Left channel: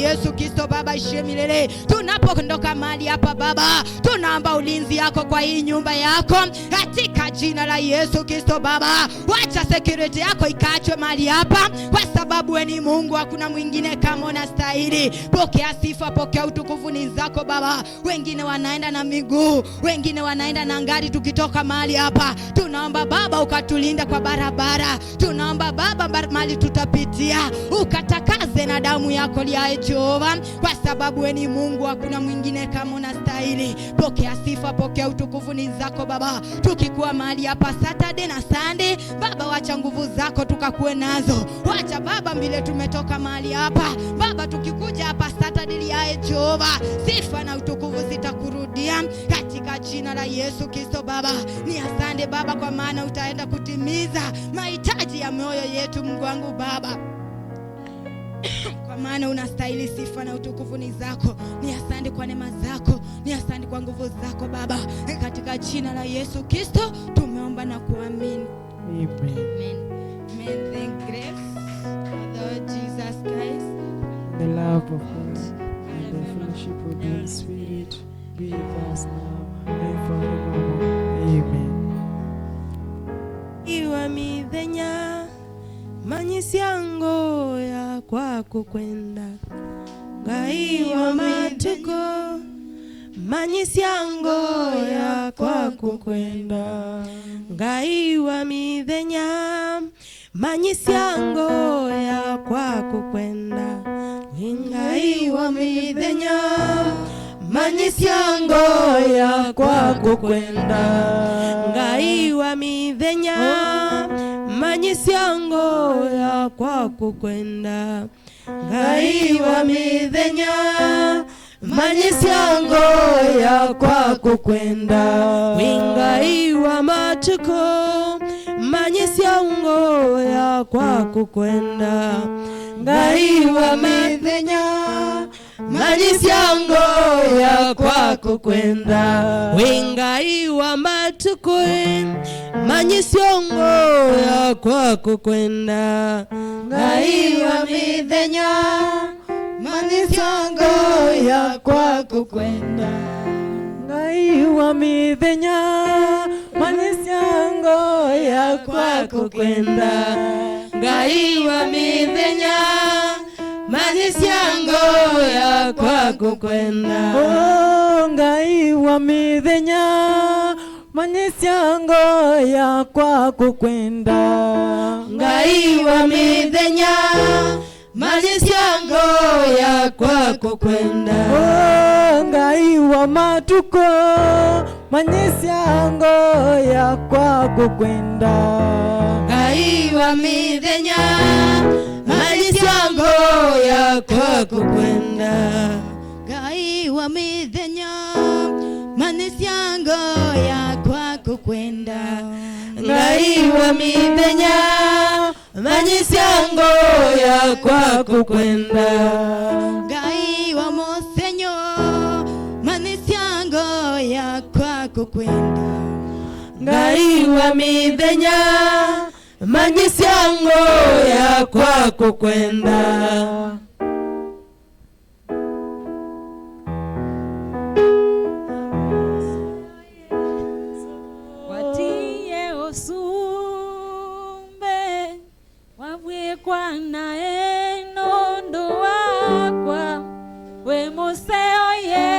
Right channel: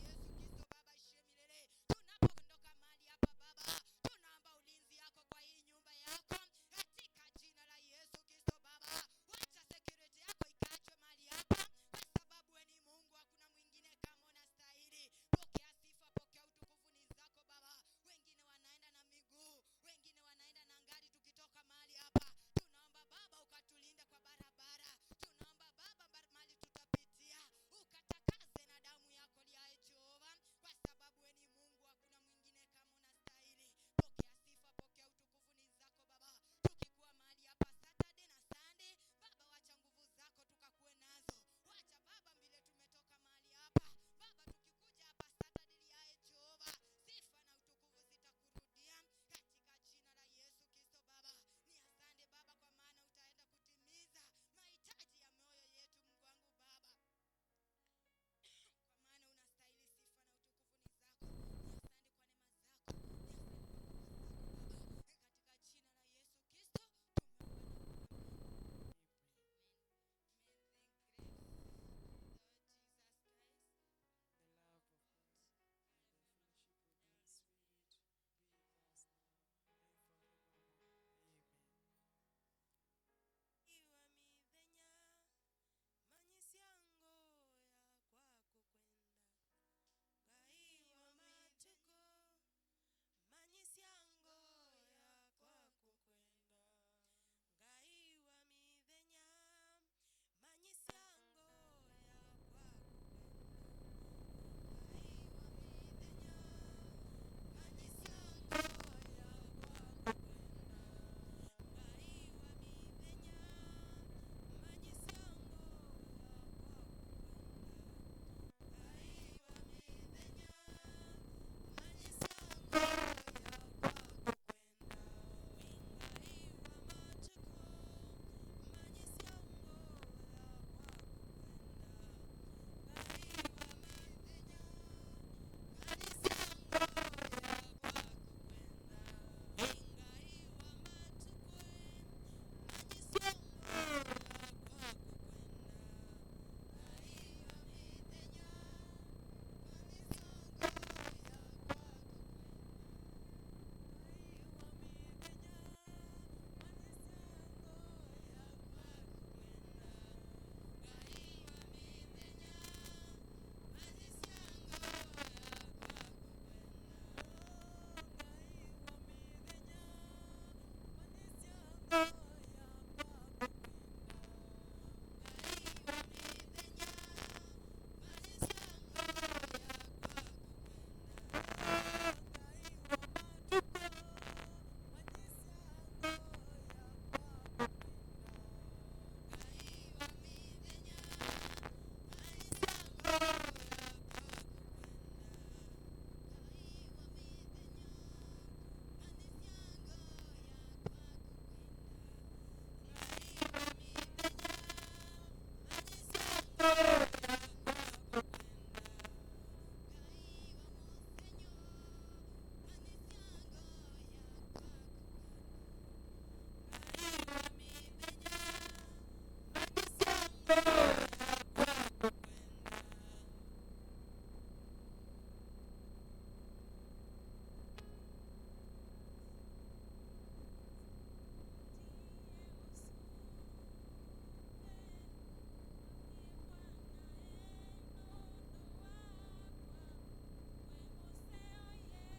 Yesu Kristo Baba ishe milele. Tunapoondoka mahali hapa Baba, tunaomba ulinzi yako kwa hii nyumba yako katika jina la Yesu Kristo Baba. Wacha security yako ikachwe mahali hapa, kwa sababu wewe ni Mungu, hakuna mwingine kama unastahili. Pokea sifa, pokea utukufu ni zako Baba. Wengine wanaenda na miguu, wengine wanaenda na ngari. Tukitoka mahali hapa, tunaomba Baba ukatulinda kwa barabara. Tunaomba Baba mahali tutapitia ukatakaze na damu yako ya Jehova, kwa sababu wewe ni Mungu, hakuna mwingine kama unastahili. Pokea sifa, pokea utukufu ni zako Baba. Tukikuwa mahali hapa Saturday na Sunday Baba, wacha nguvu zako tukakuwe nazo. Wacha Baba mbele tumetoka mahali hapa Baba, tukikuja hapa Saturday ya Jehova, sifa na utukufu zitakurudia katika jina la Yesu Kristo Baba. Ni asante Baba, kwa maana utaenda kutimiza mahitaji ya mioyo yetu Mungu wangu Baba, kwa maana unastahili sifa na utukufu ni zako. Ni asante kwa neema zako, ni asante kwa nguvu zako Baba, katika jina la Yesu Kristo tumeomba na kuamini. Amen. Amen. Amen. Thank grace of the Lord Jesus Christ, The love of God and the fellowship of the Holy Spirit be with us now and forevermore. Amen. Iwa midhenya manyisiango ya kwako kwenda, ngaiwa matuko manyisiango ya kwako kwenda, ngaiwa midhenya manyisiango ya kwako kwenda, ngaiwa midhenya manyisiango ya kwako kwenda, ngaiwa midhenya manyisiango ya kwako kwenda, ngaiwa midhenya manyisiango ya kwako kwenda, ngaiwa matuko manyisiango ya kwako kwenda, ngaiwa midhenya manyisiango ya kwako kwenda, ngaiwa matuko manyisiango ya kwako kwenda, ngaiwa midhenya manyisiango ya kwako kwenda, Ngaiwa midhenya manyisiango ya kwako kwenda, ngaiwa midhenya manyisiango ya kwako kwenda, oh ngaiwa midhenya manyisiango ya kwako kwenda, ngaiwa midhenya manyisiango ya kwako kwenda, oh ngaiwa matuko manyisiango ya kwako kwenda, ngaiwa midhenya manyisiango ya kwako kwenda, ngaiwa midhenya manyisiango ya kwako kwenda, ngaiwa midhenya manyisiango ya kwako kwenda, ngaiwa mosenyo manyisiango ya kwako kwenda, ngaiwa midhenya manyisiango ya kwako kwenda. Watie osumbe wabwekwa nae nondo wakwa we moseo ye